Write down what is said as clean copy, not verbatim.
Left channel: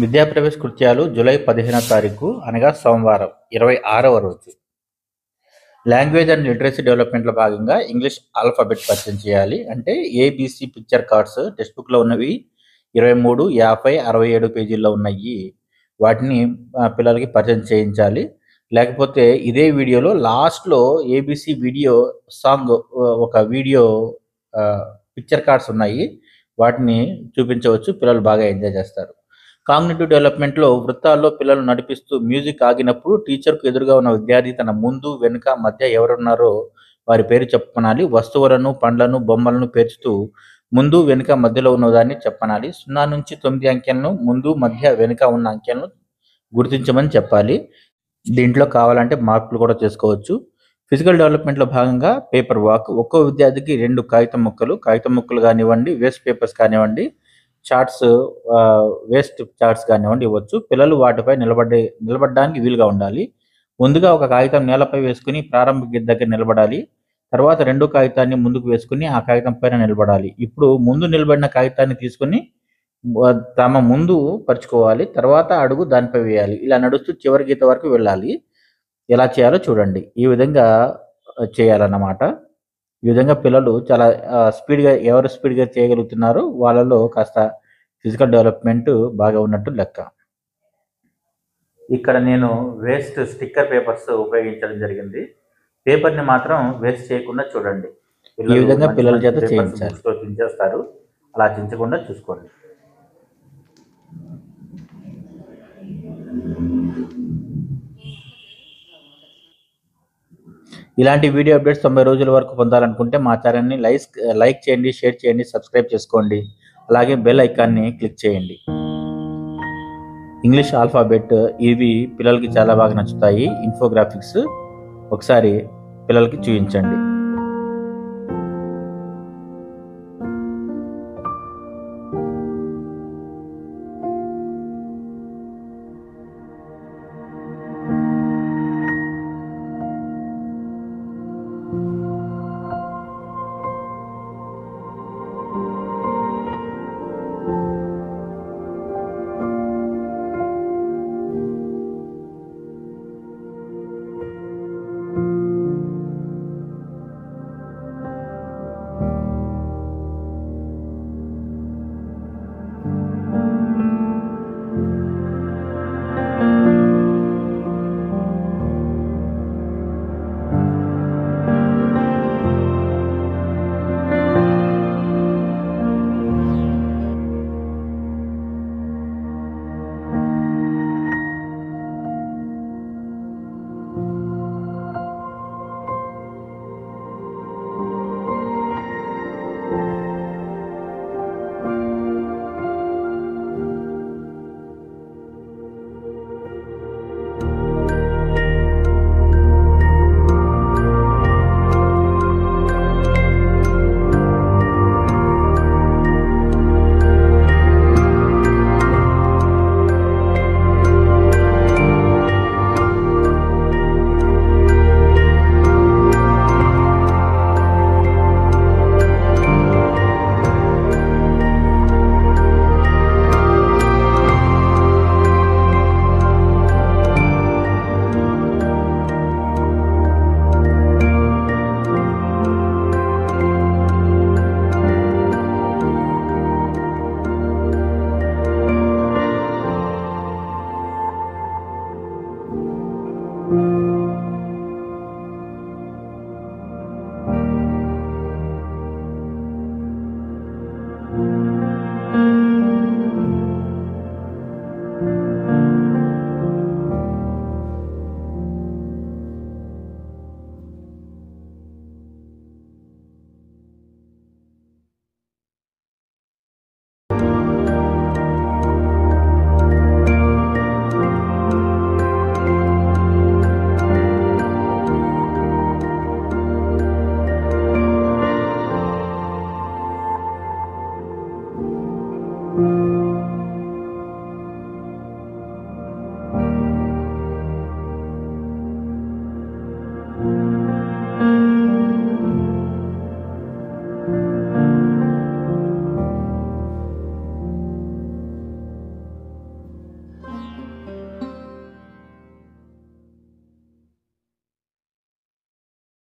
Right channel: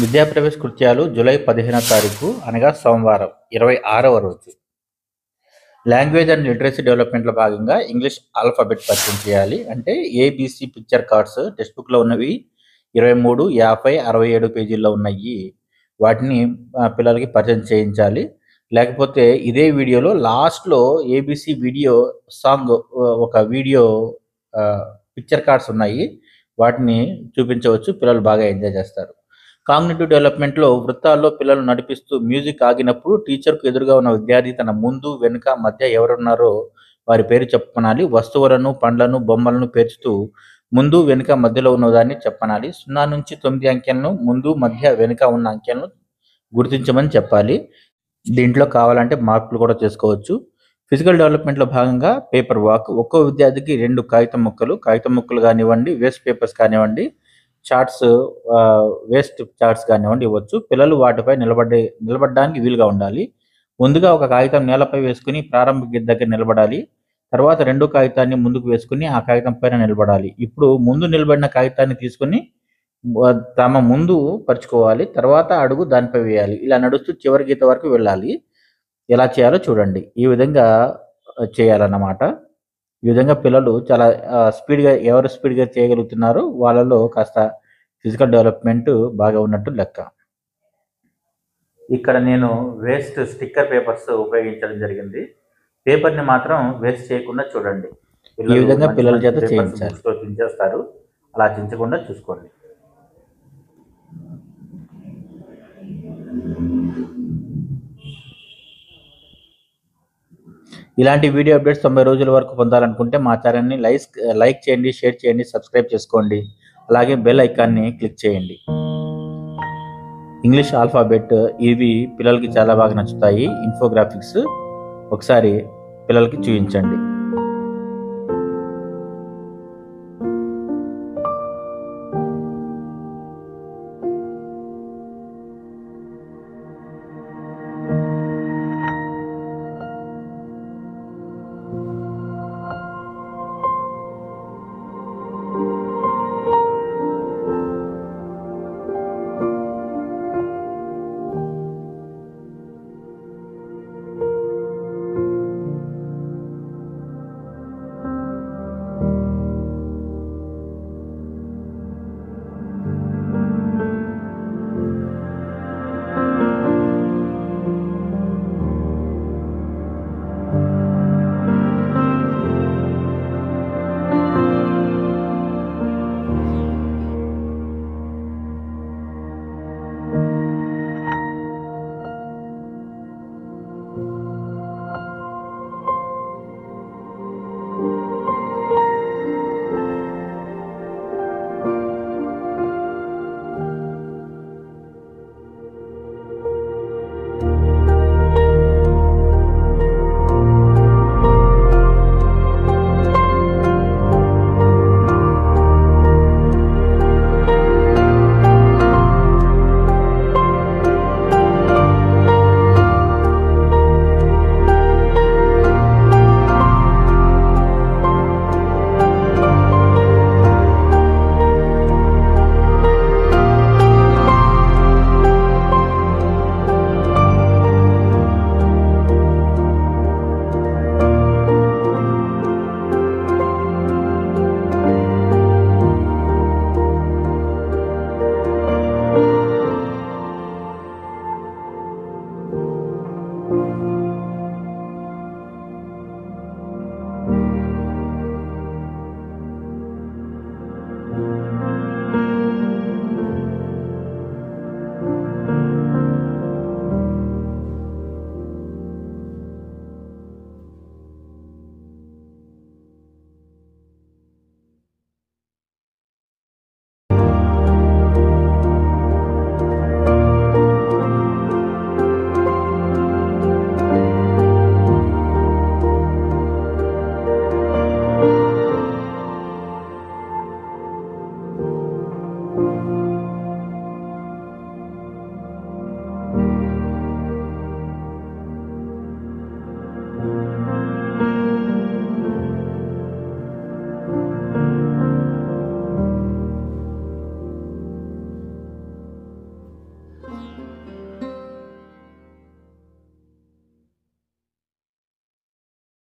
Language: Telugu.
విద్యాప్రవేశ కృత్యాలు జూలై 15వ తారీఖు అనగా సోమవారం 26వ రోజు. లాంగ్వేజ్ అండ్ లిటరసీ డెవలప్మెంట్లో భాగంగా ఇంగ్లీష్ ఆల్ఫాబెట్ పరిచయం చేయాలి. అంటే ఏబిసి పిక్చర్ కార్డ్స్ టెక్స్ట్ బుక్లో ఉన్నవి 23, 50, 67 పేజీల్లో ఉన్నాయి. వాటిని పిల్లలకి పరిచయం చేయించాలి. లేకపోతే ఇదే వీడియోలో లాస్ట్లో ఏబిసి వీడియో సాంగ్ ఒక వీడియో పిక్చర్ కార్డ్స్ ఉన్నాయి. వాటిని చూపించవచ్చు. పిల్లలు బాగా ఎంజాయ్ చేస్తారు. కాగ్నిటివ్ డెవలప్మెంట్లో వృత్తాల్లో పిల్లలు నడిపిస్తూ మ్యూజిక్ ఆగినప్పుడు టీచర్కు ఎదురుగా ఉన్న విద్యార్థి తన ముందు వెనుక మధ్య ఎవరున్నారో వారి పేరు చెప్పనాలి. వస్తువులను, పండ్లను, బొమ్మలను పేర్చుతూ ముందు వెనుక మధ్యలో ఉన్నదాన్ని చెప్పనాలి. 0 నుంచి 9 అంకెలను ముందు మధ్య వెనుక ఉన్న అంకెలను గుర్తించమని చెప్పాలి. దీంట్లో కావాలంటే మార్కులు కూడా చేసుకోవచ్చు. ఫిజికల్ డెవలప్మెంట్లో భాగంగా పేపర్ వాక్. ఒక్కో విద్యార్థికి 2 కాగితం ముక్కలు కానివ్వండి, వేస్ట్ పేపర్స్ కానివ్వండి, చార్ట్స్ వేస్ట్ చార్ట్స్ కానివ్వండి ఇవ్వచ్చు. పిల్లలు వాటిపై నిలబడడానికి వీలుగా ఉండాలి. ముందుగా ఒక కాగితం నేలపై వేసుకుని ప్రారంభ గీత దగ్గర నిలబడాలి. తర్వాత 2వ కాగితాన్ని ముందుకు వేసుకుని ఆ కాగితం పైన నిలబడాలి. ఇప్పుడు ముందు నిలబడిన కాగితాన్ని తీసుకుని తమ ముందు పరుచుకోవాలి. తర్వాత అడుగు దానిపై వేయాలి. ఇలా నడుస్తూ చివరి గీత వరకు వెళ్ళాలి. ఎలా చేయాలో చూడండి. ఈ విధంగా చేయాలన్నమాట. ఈ విధంగా పిల్లలు చాలా ఎవరు స్పీడ్గా చేయగలుగుతున్నారో వాళ్ళలో కాస్త ఫిజికల్ డెవలప్మెంట్ బాగా ఉన్నట్టు లెక్క. ఇక్కడ నేను వేస్ట్ స్టిక్కర్ పేపర్స్ ఉపయోగించడం జరిగింది. పేపర్ని మాత్రం వేస్ట్ చేయకుండా చూడండి. ఈ విధంగా పిల్లల చేత చేయించాలి. చించేస్తారు, అలా చించకుండా చూసుకోండి. ఇలాంటి వీడియో అప్డేట్స్ 90 రోజుల వరకు పొందాలనుకుంటే మా ఛానల్ని లైక్ చేయండి, షేర్ చేయండి, సబ్స్క్రైబ్ చేసుకోండి. అలాగే బెల్ ఐకాన్ని క్లిక్ చేయండి. ఇంగ్లీష్ ఆల్ఫాబెట్ ఇవి పిల్లలకి చాలా బాగా నచ్చుతాయి. ఇన్ఫోగ్రాఫిక్స్ ఒకసారి పిల్లలకి చూపించండి.